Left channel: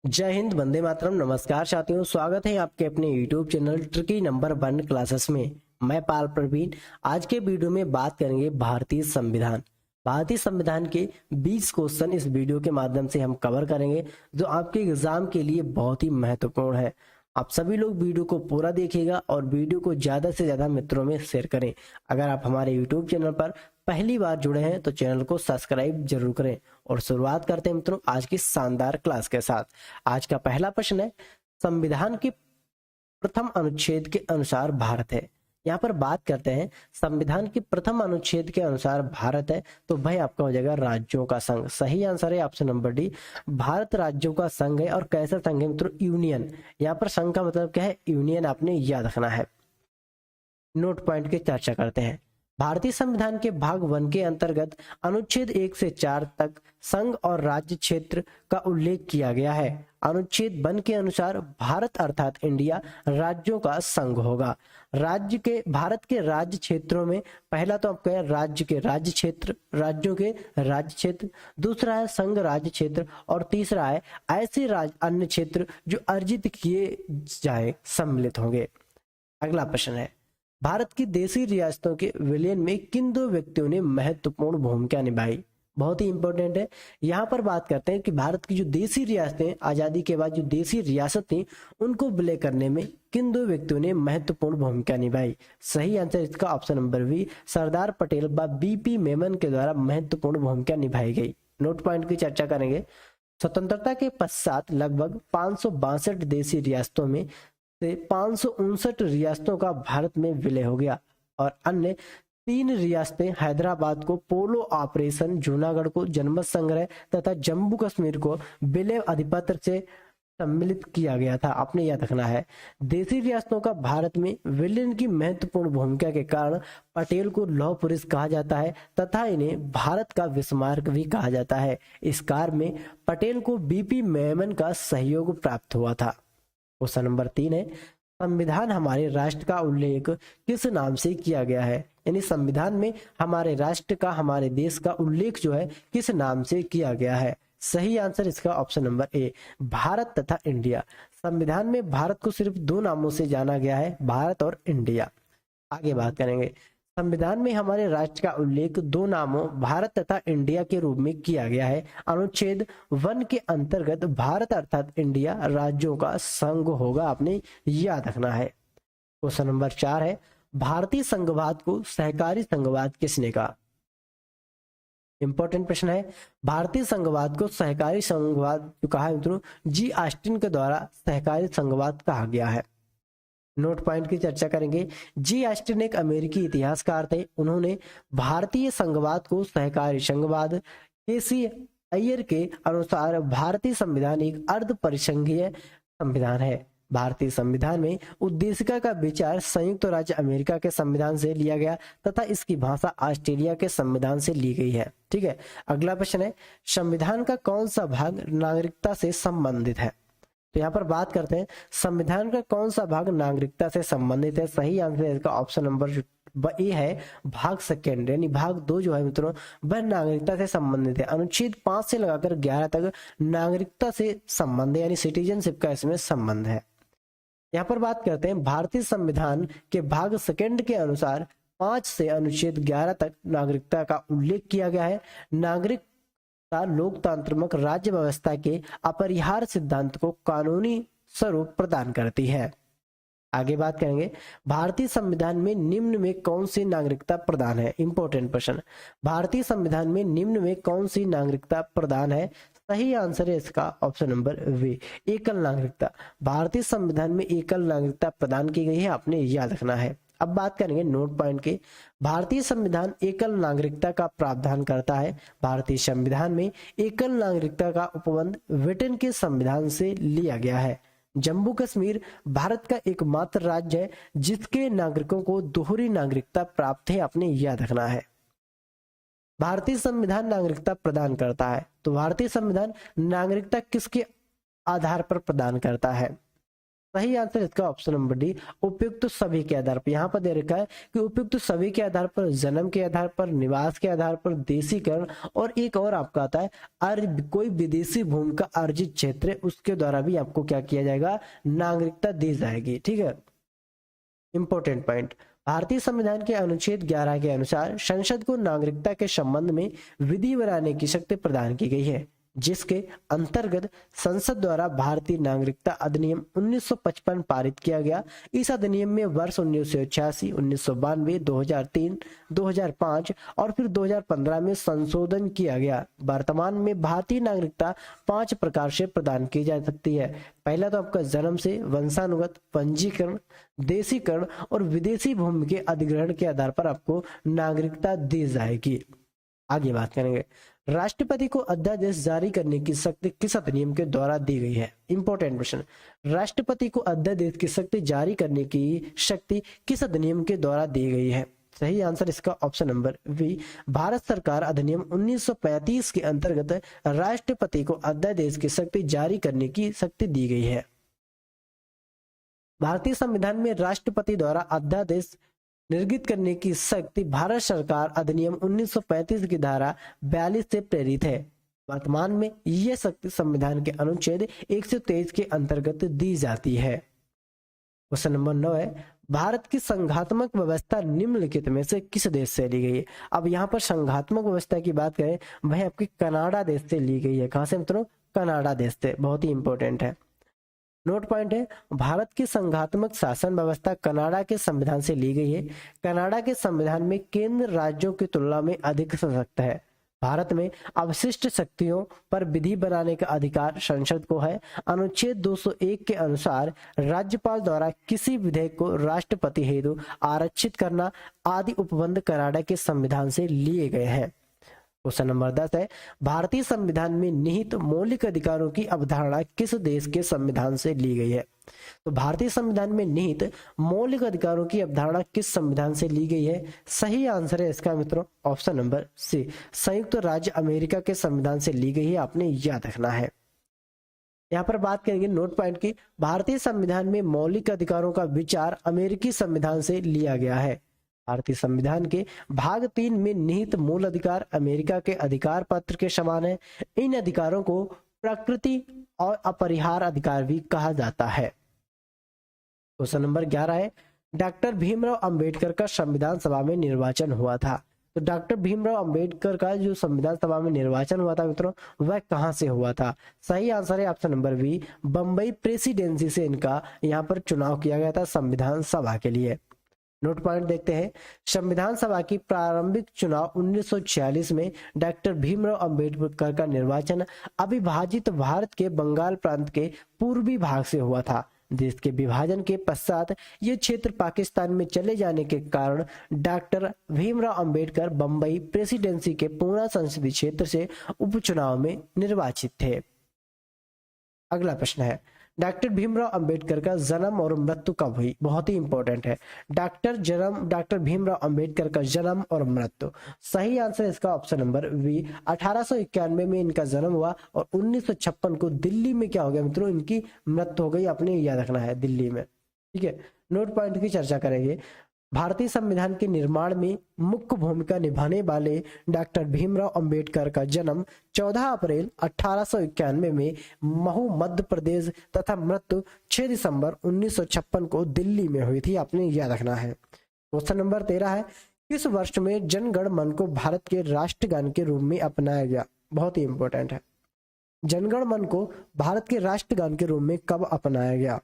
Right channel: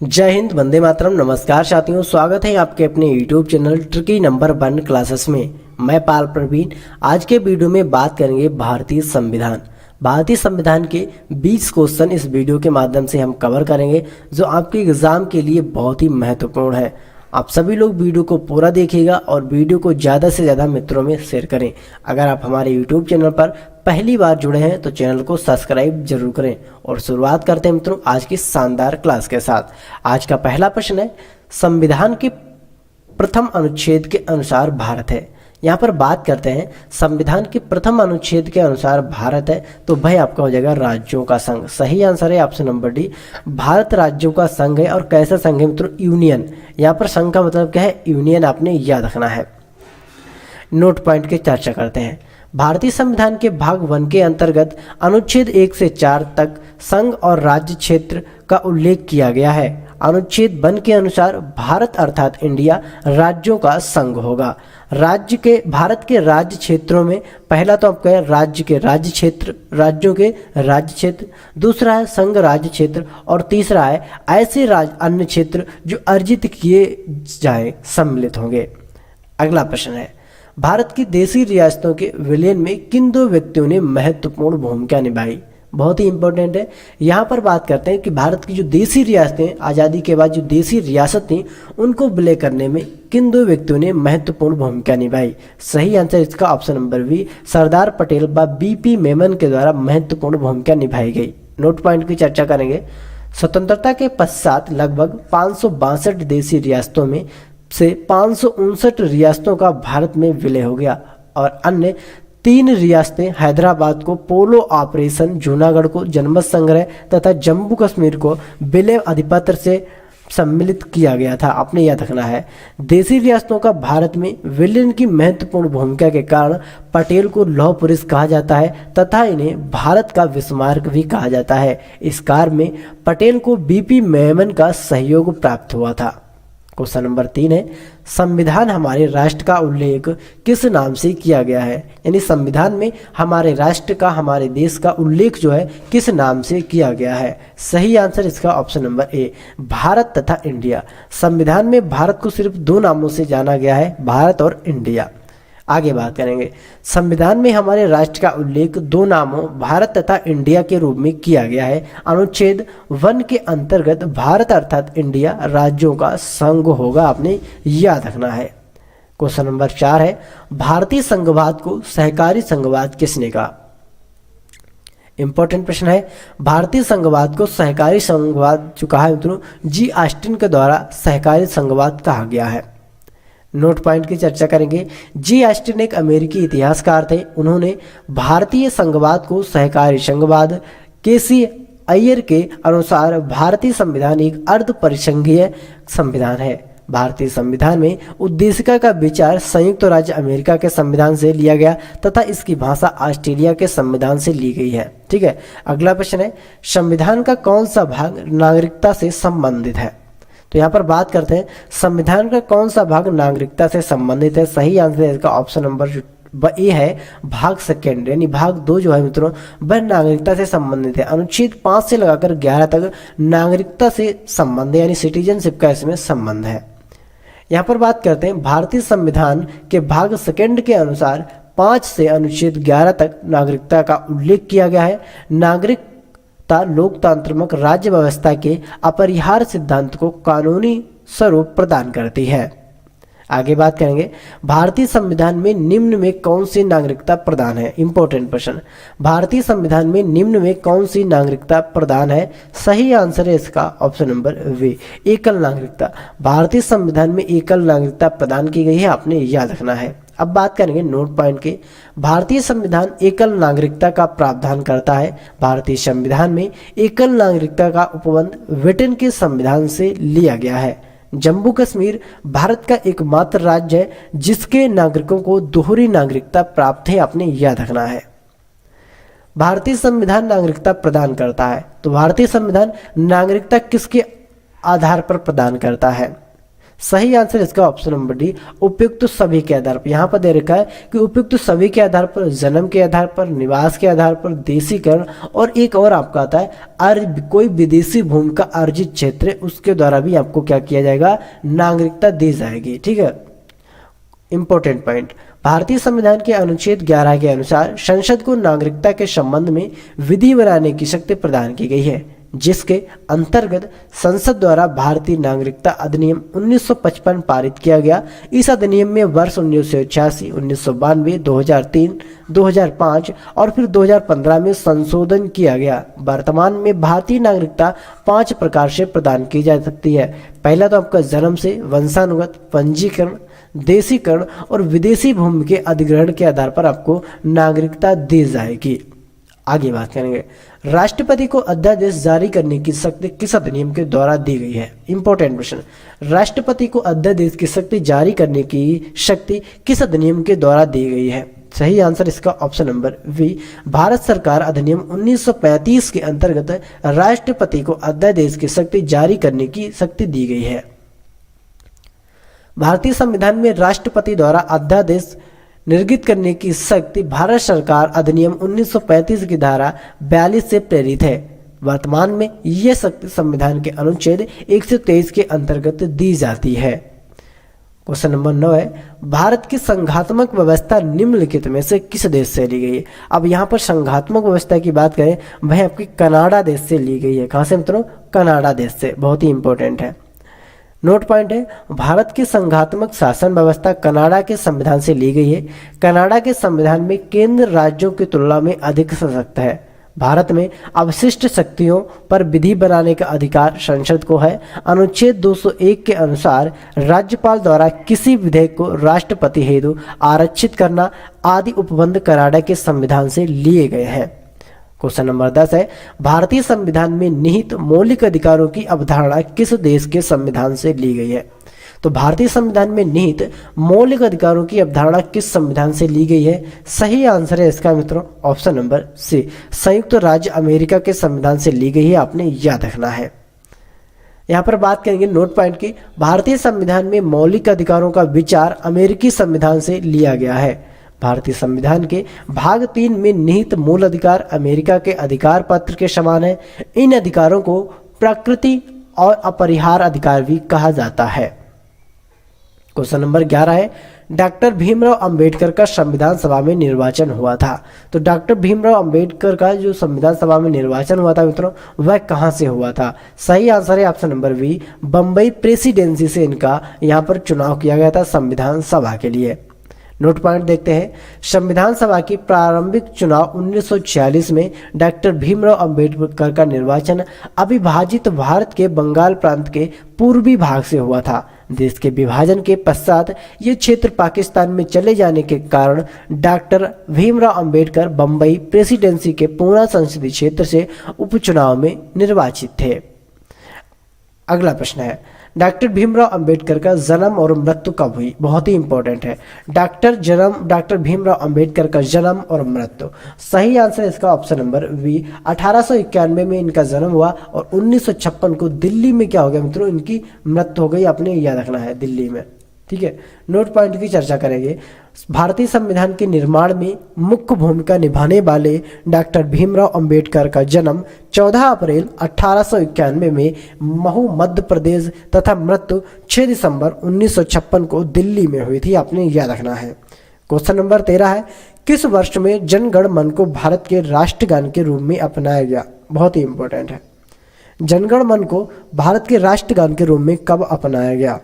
जय हिंद, वंदे मातरम। नमस्कार साथियों, स्वागत है आपके अपने YouTube channel tricky number 1 classes में। मैं पाल प्रवीण। आज के वीडियो में बात करेंगे भारतीय संविधान। भारतीय संविधान के 20 क्वेश्चन इस वीडियो के माध्यम से हम कवर करेंगे, जो आपके एग्जाम के लिए बहुत ही महत्वपूर्ण है। आप सभी लोग वीडियो को पूरा देखिएगा और वीडियो को ज़्यादा से ज़्यादा मित्रों में शेयर करें। अगर आप हमारे YouTube चैनल पर पहली बार जुड़े हैं तो चैनल को सब्सक्राइब जरूर करें। और शुरुआत करते हैं मित्रों आज की शानदार क्लास के साथ। आज का पहला प्रश्न है, संविधान के प्रथम अनुच्छेद के अनुसार भारत है। यहाँ पर बात करते हैं संविधान के प्रथम अनुच्छेद के अनुसार भारत है, तो भाई आपका हो जाएगा राज्यों का संघ। सही आंसर है ऑप्शन नंबर डी, भारत राज्यों का संघ है। और कैसा संघ है मित्रों? यूनियन। यहाँ पर संघ का मतलब क्या है? यूनियन, आपने याद रखना है। नोट पॉइंट की चर्चा करते हैं। भारतीय संविधान के भाग 1 के अंतर्गत अनुच्छेद 1 से 4 तक संघ और राज्य क्षेत्र का उल्लेख किया गया है। अनुच्छेद 1 के अनुसार भारत अर्थात इंडिया राज्यों का संघ होगा। भारत के राज्य क्षेत्रों में पहला तो आपका है राज्य के राज्य क्षेत्र, राज्यों के राज्य क्षेत्र। दूसरा है संघ राज्य क्षेत्र। और तीसरा है ऐसे अन्य क्षेत्र जो अर्जित किए जाए सम्मिलित होंगे। अगला प्रश्न है, भारत की देशी रियासतों के विलयन में किन दो व्यक्तियों ने महत्वपूर्ण भूमिका निभाई? बहुत ही इंपॉर्टेंट है। यहाँ पर बात करते हैं कि भारत की जो देशी रियासतें, आज़ादी के बाद जो देशी रियासत थी, उनको विलय करने में किन दो व्यक्तियों ने महत्वपूर्ण भूमिका निभाई? सही आंसर इसका option number B, Sardar Patel व बीपी मेमन के द्वारा महत्वपूर्ण भूमिका निभाई गई। नोट पॉइंट की चर्चा करेंगे। स्वतंत्रता के पश्चात लगभग 562 देशी रियासतों में से 559 रियासतों का भारत में विलय हो गया और अन्य 3 रियासतें हैदराबाद को पोलो ऑपरेशन, जूनागढ़ को जनमत संग्रह तथा जम्मू कश्मीर को विलय अधिपत्र से सम्मिलित किया गया था। आपने याद रखना है। देशी रियासतों का भारत में विलयन की महत्वपूर्ण भूमिका के कारण पटेल को लौह पुरुष कहा जाता है तथा इन्हें भारत का विस्मारक भी कहा जाता है। इस कार्य में पटेल को बीपी मेमन का सहयोग प्राप्त हुआ था। क्वेश्चन नंबर 3 है, संविधान हमारे राष्ट्र का उल्लेख किस नाम से किया गया है? यानी संविधान में हमारे राष्ट्र का, हमारे देश का उल्लेख जो है किस नाम से किया गया है? सही आंसर इसका ऑप्शन नंबर ए, भारत तथा इंडिया। संविधान में भारत को सिर्फ 2 नामों से जाना गया है, भारत और इंडिया। आगे बात करेंगे, संविधान में हमारे राष्ट्र का उल्लेख 2 नामों भारत तथा इंडिया के रूप में किया गया है। अनुच्छेद 1 के अंतर्गत भारत अर्थात इंडिया राज्यों का संघ होगा, आपने याद रखना है। क्वेश्चन नंबर 4 है, भारतीय संघवाद को सहकारी संघवाद किसने कहा? इंपॉर्टेंट प्रश्न है। भारतीय संघवाद को सहकारी संघवाद जो कहा है मित्रों, जी ऑस्टिन के द्वारा सहकारी संघवाद कहा गया है। नोट पॉइंट की चर्चा करेंगे। जी ऑस्टिन एक अमेरिकी इतिहासकार थे। उन्होंने भारतीय संघवाद को सहकारी संघवाद, केसी अय्यर के अनुसार भारतीय संविधान एक अर्ध परिसंघीय संविधान है। भारतीय संविधान में उद्देशिका का विचार संयुक्त राज्य अमेरिका के संविधान से लिया गया तथा इसकी भाषा ऑस्ट्रेलिया के संविधान से ली गई है। ठीक है। अगला प्रश्न है, संविधान का कौन सा भाग नागरिकता से संबंधित है? तो यहाँ पर बात करते हैं संविधान का कौन सा भाग नागरिकता से संबंधित है। सही आंसर है इसका ऑप्शन नंबर ए है, भाग 2, यानी भाग 2 जो है मित्रों वह नागरिकता से संबंधित है। अनुच्छेद 5 से लगाकर 11 तक नागरिकता से संबंध है, यानी सिटीजनशिप का इसमें संबंध है। यहाँ पर बात करते हैं भारतीय संविधान के भाग 2 के अनुसार 5 से अनुच्छेद 11 तक नागरिकता का उल्लेख किया गया है। नागरिक लोकतांत्रिक राज्य व्यवस्था के अपरिहार्य सिद्धांत को कानूनी स्वरूप प्रदान करती है। आगे बात करेंगे, भारतीय संविधान में निम्न में कौन सी नागरिकता प्रदान है? इंपॉर्टेंट प्रश्न। भारतीय संविधान में निम्न में कौन सी नागरिकता प्रदान है? सही आंसर है इसका ऑप्शन नंबर बी, एकल नागरिकता। भारतीय संविधान में एकल नागरिकता प्रदान की गई है, आपने याद रखना है। अब बात करेंगे नोट पॉइंट के। भारतीय संविधान एकल नागरिकता का प्रावधान करता है। भारतीय संविधान में एकल नागरिकता का उपबंध ब्रिटेन के संविधान से लिया गया है। जम्मू कश्मीर भारत का एकमात्र राज्य है जिसके नागरिकों को दोहरी नागरिकता प्राप्त है, आपने याद रखना है। भारतीय संविधान नागरिकता प्रदान करता है, तो भारतीय संविधान नागरिकता किसके आधार पर प्रदान करता है? सही आंसर इसका ऑप्शन नंबर डी, उपयुक्त सभी के आधार पर। यहाँ पर दे रखा है कि उपयुक्त सभी के आधार पर, जन्म के आधार पर, निवास के आधार पर, देशीकरण, और एक और आपका आता है कोई विदेशी भूमि का अर्जित क्षेत्र है उसके द्वारा भी आपको क्या किया जाएगा, नागरिकता दी जाएगी। ठीक है, इंपॉर्टेंट पॉइंट। भारतीय संविधान के अनुच्छेद 11 के अनुसार संसद को नागरिकता के संबंध में विधि बनाने की शक्ति प्रदान की गई है, जिसके अंतर्गत संसद द्वारा भारतीय नागरिकता अधिनियम 1955 पारित किया गया। इस अधिनियम में वर्ष 1986, 1992, 2003, 2005 और फिर 2015 में संशोधन किया गया। वर्तमान में भारतीय नागरिकता 5 प्रकार से प्रदान की जा सकती है। पहला तो आपका जन्म से, वंशानुगत, पंजीकरण, देशीकरण और विदेशी भूमि के अधिग्रहण के आधार पर आपको नागरिकता दी जाएगी। आगे बात करेंगे, राष्ट्रपति को अध्यादेश जारी करने की शक्ति किस अधिनियम के द्वारा दी गई है। इंपॉर्टेंट क्वेश्चन, राष्ट्रपति को अध्यादेश की शक्ति जारी करने की शक्ति किस अधिनियम के द्वारा दी गई है। सही आंसर इसका ऑप्शन नंबर बी, भारत सरकार अधिनियम 1935 के अंतर्गत राष्ट्रपति को अध्यादेश की शक्ति जारी करने की शक्ति दी गई है। भारतीय संविधान में राष्ट्रपति द्वारा अध्यादेश निर्गत करने की शक्ति भारत सरकार अधिनियम 1935 की धारा 42 से प्रेरित है। वर्तमान में यह शक्ति संविधान के अनुच्छेद 123 के अंतर्गत दी जाती है। क्वेश्चन नंबर 9 है, भारत की संघात्मक व्यवस्था निम्नलिखित में से किस देश से ली गई है। अब यहाँ पर संघात्मक व्यवस्था की बात करें, वह आपकी कनाडा देश से ली गई है। कहाँ से मित्रों, कनाडा देश से। बहुत ही इंपॉर्टेंट है। नोट पॉइंट है, भारत की संघात्मक शासन व्यवस्था कनाडा के संविधान से ली गई है। कनाडा के संविधान में केंद्र राज्यों की तुलना में अधिक सशक्त है। भारत में अवशिष्ट शक्तियों पर विधि बनाने का अधिकार संसद को है। अनुच्छेद 201 के अनुसार राज्यपाल द्वारा किसी विधेयक को राष्ट्रपति हेतु आरक्षित करना आदि उपबंध कनाडा के संविधान से लिए गए हैं। क्वेश्चन नंबर 10 है, भारतीय संविधान में निहित मौलिक अधिकारों की अवधारणा किस देश के संविधान से ली गई है। तो भारतीय संविधान में निहित मौलिक अधिकारों की अवधारणा किस संविधान से ली गई है। सही आंसर है इसका मित्रों ऑप्शन नंबर सी, संयुक्त राज्य अमेरिका के संविधान से ली गई है। आपने याद रखना है। यहाँ पर बात करेंगे नोट पॉइंट की, भारतीय संविधान में मौलिक अधिकारों का विचार अमेरिकी संविधान से लिया गया है। भारतीय संविधान के भाग 3 में निहित मूल अधिकार अमेरिका के अधिकार पत्र के समान है। इन अधिकारों को प्रकृति और अपरिहार्य अधिकार भी कहा जाता है। क्वेश्चन नंबर 11 है, डॉक्टर भीमराव अंबेडकर का संविधान सभा में निर्वाचन हुआ था। तो डॉक्टर भीमराव अंबेडकर का जो संविधान सभा में निर्वाचन हुआ था मित्रों, वह कहां से हुआ था। सही आंसर है option number B, Bombay presidency से इनका यहां पर चुनाव किया गया था संविधान सभा के लिए। नोट पॉइंट देखते हैं, संविधान सभा की प्रारंभिक चुनाव 1946 में डॉक्टर भीमराव अंबेडकर का निर्वाचन अविभाजित भारत के बंगाल प्रांत के पूर्वी भाग से हुआ था। देश के विभाजन के पश्चात ये क्षेत्र पाकिस्तान में चले जाने के कारण डॉक्टर भीमराव अंबेडकर बंबई प्रेसिडेंसी के पूना संसदीय क्षेत्र से उपचुनाव में निर्वाचित थे। अगला प्रश्न है, डॉक्टर भीमराव अंबेडकर का जन्म और मृत्यु कब हुई। बहुत ही इंपॉर्टेंट है, डॉक्टर भीमराव अंबेडकर का जन्म और मृत्यु। सही आंसर इसका ऑप्शन नंबर बी, 1891 में इनका जन्म हुआ और 1956 को दिल्ली में क्या हो गया मित्रों, इनकी मृत्यु हो गई। आपने याद रखना है, दिल्ली में। ठीक है, नोट पॉइंट की चर्चा करेंगे। भारतीय संविधान के निर्माण में मुख्य भूमिका निभाने वाले डॉक्टर भीमराव अंबेडकर का जन्म 14 अप्रैल 1891 में महू मध्य प्रदेश तथा मृत्यु 6 दिसंबर 1956 को दिल्ली में हुई थी। आपने याद रखना है। क्वेश्चन नंबर 13 है, किस वर्ष में जन गण मन को भारत के राष्ट्रगान के रूप में अपनाया गया। बहुत ही इंपॉर्टेंट है, जनगण मन को भारत के राष्ट्रगान के रूप में कब अपनाया गया।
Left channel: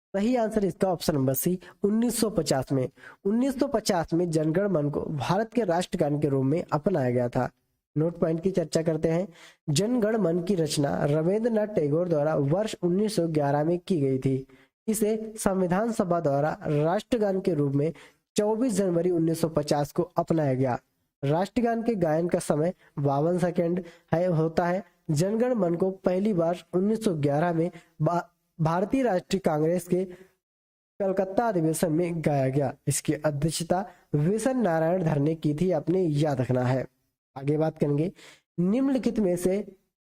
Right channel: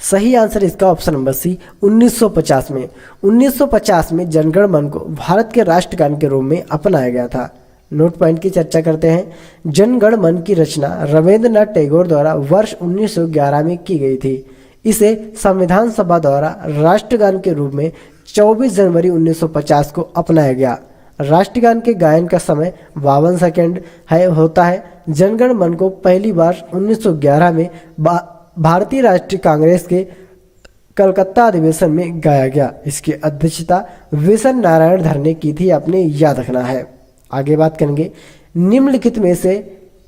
सही आंसर इसका ऑप्शन नंबर सी, 1950 में। 1950 में जनगण मन को भारत के राष्ट्रगान के रूप में अपनाया गया था। नोट पॉइंट की चर्चा करते हैं। जनगण मन की रचना रविंद्रनाथ टैगोर द्वारा वर्ष 1911 में की गई थी। इसे संविधान सभा द्वारा राष्ट्रगान के रूप में 24 जनवरी 1950 को अपनाया गया। राष्ट्रगान के गायन का समय 52 सेकेंड होता है। जनगण मन को पहली बार 1911 में भारतीय राष्ट्रीय कांग्रेस के कलकत्ता अधिवेशन में गाया गया। इसकी अध्यक्षता विशन नारायण धर ने की थी। आपने याद रखना है। आगे बात करेंगे, निम्नलिखित में से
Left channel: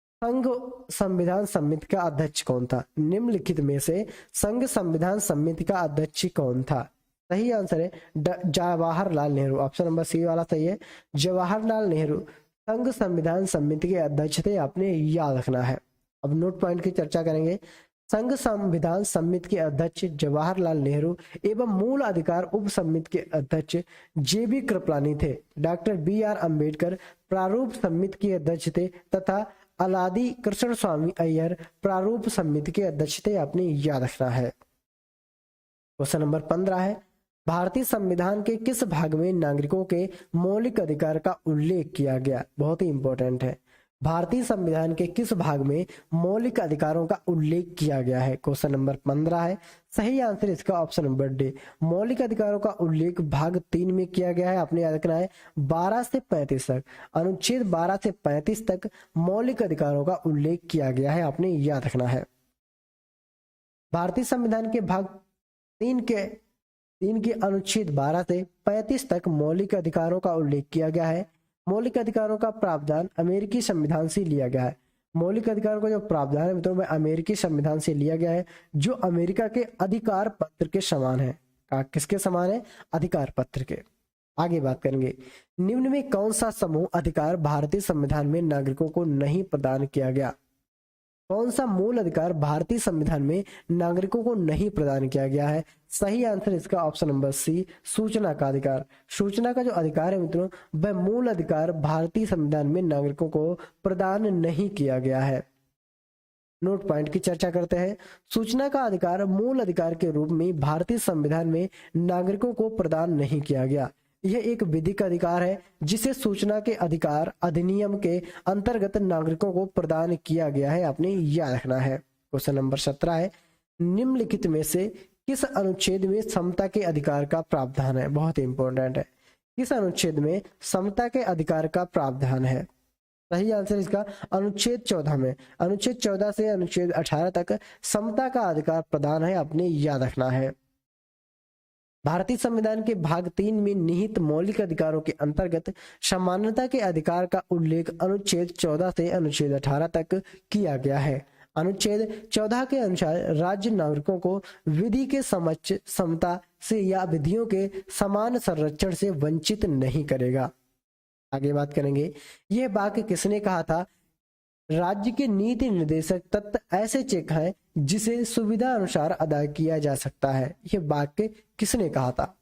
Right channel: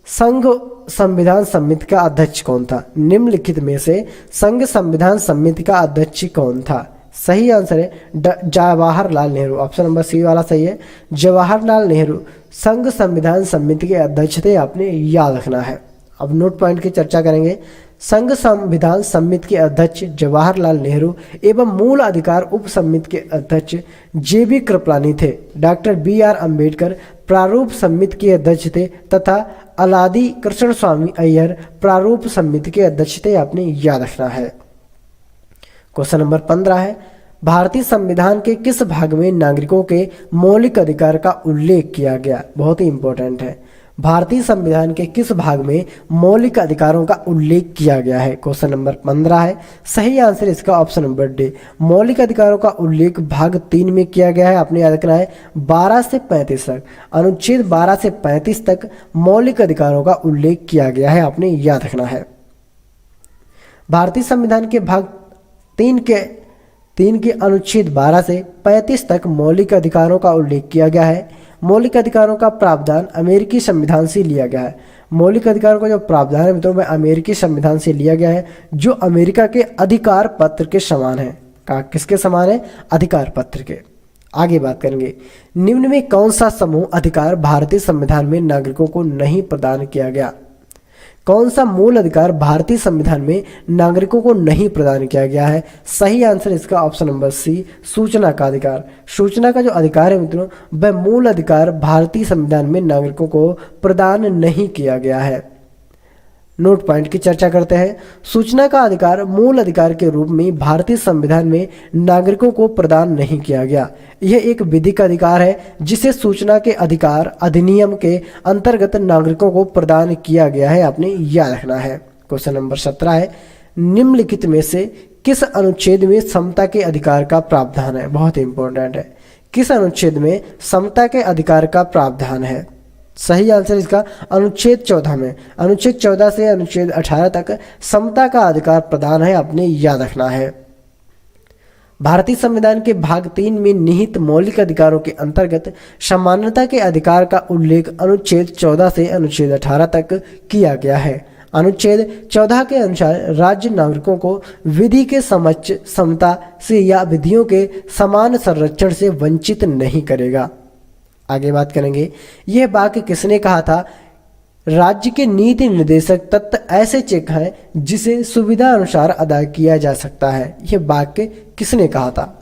संघ संविधान समिति का अध्यक्ष कौन था? निम्नलिखित में से संघ संविधान समिति का अध्यक्ष कौन था? सही आंसर है Jawaharlal Nehru. Option number C वाला सही है। जवाहरलाल नेहरू संघ संविधान समिति के अध्यक्ष थे, आपने याद रखना है। अब नोट पॉइंट की चर्चा करेंगे। संघ संविधान समिति के अध्यक्ष जवाहरलाल नेहरू एवं मूल अधिकार उप समिति के अध्यक्ष जेबी कृपलानी थे। डॉक्टर BR अम्बेडकर प्रारूप समिति के अध्यक्ष थे तथा अलादी कृष्ण स्वामी अय्यर प्रारूप समिति के अध्यक्ष थे, आपने याद रखना है। क्वेश्चन नंबर 15 है, भारतीय संविधान के किस भाग में नागरिकों के मौलिक अधिकार का उल्लेख किया गया? बहुत ही इंपॉर्टेंट है। भारतीय संविधान के किस भाग में मौलिक अधिकारों का उल्लेख किया गया है? क्वेश्चन नंबर 15 है। सही आंसर इसका ऑप्शन नंबर डी, मौलिक अधिकारों का उल्लेख भाग 3 में किया गया है। आपने याद रखना है 12 से 35 तक, अनुच्छेद 12 से 35 तक मौलिक अधिकारों का उल्लेख किया गया है, आपने याद रखना है। भारतीय संविधान के भाग 3 के अनुच्छेद 12 से 35 तक मौलिक अधिकारों का उल्लेख किया गया है। मौलिक अधिकारों का प्रावधान अमेरिकी संविधान से लिया गया है। मौलिक अधिकारों का जो प्रावधान है मित्रों, वह अमेरिकी संविधान से लिया गया है, जो अमेरिका के अधिकार पत्र के समान है। किसके समान है? अधिकार पत्र के। आगे बात करेंगे, निम्न में कौन सा समूह अधिकार भारतीय संविधान में नागरिकों को नहीं प्रदान किया गया? कौन सा मूल अधिकार भारतीय संविधान में नागरिकों को नहीं प्रदान किया गया है? सही आंसर इसका ऑप्शन नंबर सी, सूचना का अधिकार। सूचना का जो अधिकार है मित्रों, वह मूल अधिकार भारतीय संविधान में नागरिकों को प्रदान नहीं किया गया है। नोट पॉइंट की चर्चा करते हैं। सूचना का अधिकार मूल अधिकार के रूप में भारतीय संविधान में नागरिकों को प्रदान नहीं किया गया। यह एक विधिक अधिकार है जिसे सूचना के अधिकार अधिनियम के अंतर्गत नागरिकों को प्रदान किया गया है, आपने याद रखना है। क्वेश्चन नंबर 17 है, निम्नलिखित में से किस अनुच्छेद में समता के अधिकार का प्रावधान है? बहुत इंपॉर्टेंट है। किस अनुच्छेद में समता के अधिकार का प्रावधान है? सही आंसर इसका अनुच्छेद 14 में। अनुच्छेद 14 से अनुच्छेद 18 तक समता का अधिकार प्रदान है, आपने याद रखना है। भारतीय संविधान के भाग 3 में निहित मौलिक अधिकारों के अंतर्गत समानता के अधिकार का उल्लेख अनुच्छेद 14 से अनुच्छेद 18 तक किया गया है। अनुच्छेद 14 के अनुसार राज्य नागरिकों को विधि के समक्ष समता से या विधियों के समान संरक्षण से वंचित नहीं करेगा। आगे बात करेंगे, यह वाक्य किसने कहा था? राज्य के नीति निर्देशक तत्व ऐसे चेक हैं जिसे सुविधा अनुसार अदा किया जा सकता है। यह वाक्य किसने कहा था?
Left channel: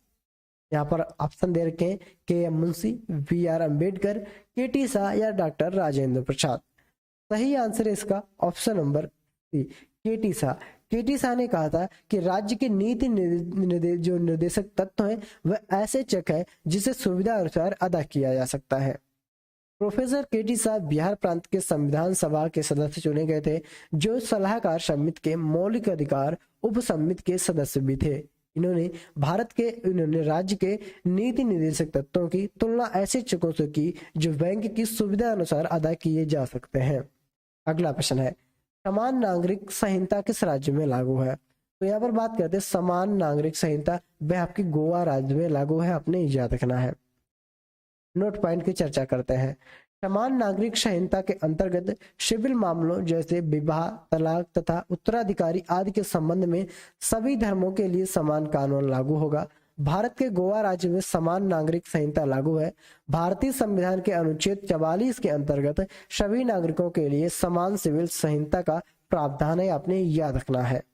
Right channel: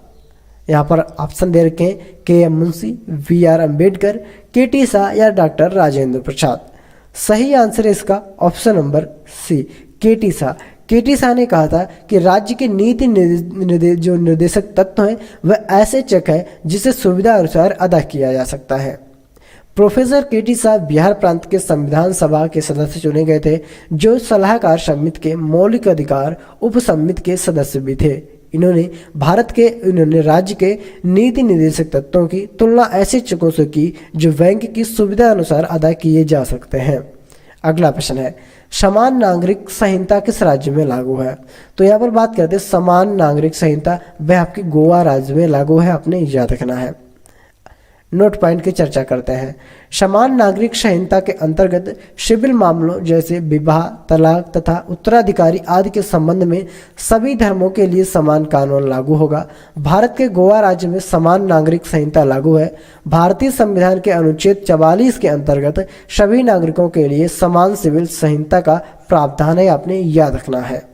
यहाँ पर ऑप्शन दे रखे हैं, KM Munshi, BR Ambedkar, KT Shah या डॉक्टर राजेंद्र प्रसाद। सही आंसर है इसका option number C, KT Shah. KT Shah ने कहा था कि राज्य के नीति जो निर्देशक तत्व हैं वह ऐसे चेक है जिसे सुविधा अनुसार अदा किया जा सकता है। प्रोफेसर KT शाह बिहार प्रांत के संविधान सभा के सदस्य चुने गए थे, जो सलाहकार समिति के मौलिक अधिकार उप समिति के सदस्य भी थे। इन्होंने राज्य के नीति निर्देशक तत्वों की तुलना ऐसे चेकों से की जो बैंक की सुविधा अनुसार अदा किए जा सकते हैं। अगला प्रश्न है, समान नागरिक संहिता किस राज्य में लागू है? तो यहाँ पर बात करते हैं समान नागरिक संहिता, वह आपकी गोवा राज्य में लागू है, आपने याद रखना है। नोट पॉइंट की चर्चा करते हैं। समान नागरिक संहिता के अंतर्गत सिविल मामलों जैसे विवाह, तलाक तथा उत्तराधिकारी आदि के संबंध में सभी धर्मों के लिए समान कानून लागू होगा। भारत के गोवा राज्य में समान नागरिक संहिता लागू है। भारतीय संविधान के अनुच्छेद 44 के अंतर्गत सभी नागरिकों के लिए समान सिविल संहिता का प्रावधान है, आपने याद रखना है।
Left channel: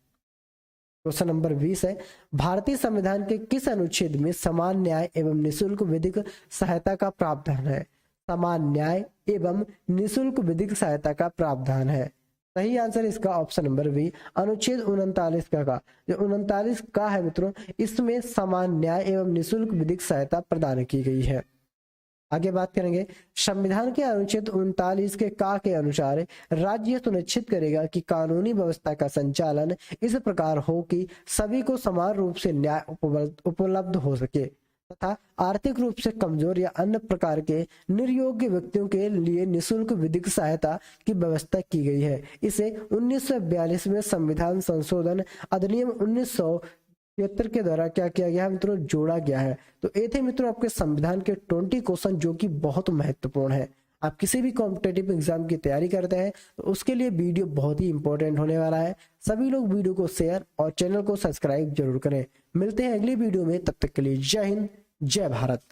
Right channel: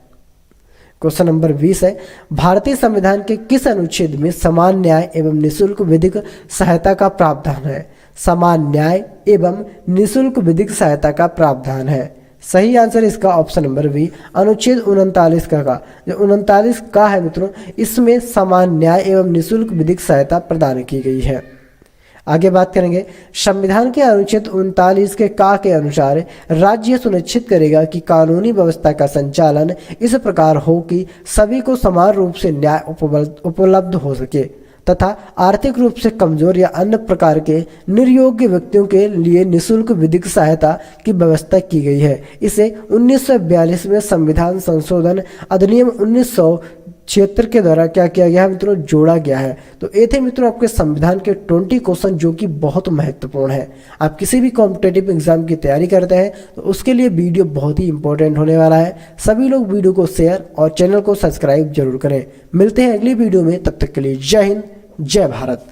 क्वेश्चन नंबर 20 है, भारतीय संविधान के किस अनुच्छेद में समान न्याय एवं निःशुल्क विधिक सहायता का प्रावधान है? समान न्याय एवं निःशुल्क विधिक सहायता का प्रावधान है। सही आंसर इसका ऑप्शन नंबर बी, अनुच्छेद 39 का जो 39 का है मित्रों, इसमें समान न्याय एवं निःशुल्क विधिक सहायता प्रदान की गई है। आगे बात करेंगे, संविधान के अनुच्छेद 39 के अनुसार राज्य सुनिश्चित करेगा कि कानूनी व्यवस्था का संचालन इस प्रकार हो कि सभी को समान रूप से न्याय उपलब्ध हो सके तथा आर्थिक रूप से कमजोर या अन्य प्रकार के निर्योग्य व्यक्तियों के लिए निःशुल्क विधिक सहायता की व्यवस्था की गई है। इसे 1942 में संविधान संशोधन अधिनियम 76 के द्वारा क्या किया गया है मित्रों, जोड़ा गया है। तो ये थे मित्रों आपके संविधान के 20 क्वेश्चन जो कि बहुत महत्वपूर्ण है। आप किसी भी कॉम्पिटेटिव एग्जाम की तैयारी करते हैं तो उसके लिए वीडियो बहुत ही इंपॉर्टेंट होने वाला है। सभी लोग वीडियो को शेयर और चैनल को सब्सक्राइब जरूर करें। मिलते हैं अगली वीडियो में, तब तक के लिए जय हिंद, जय भारत।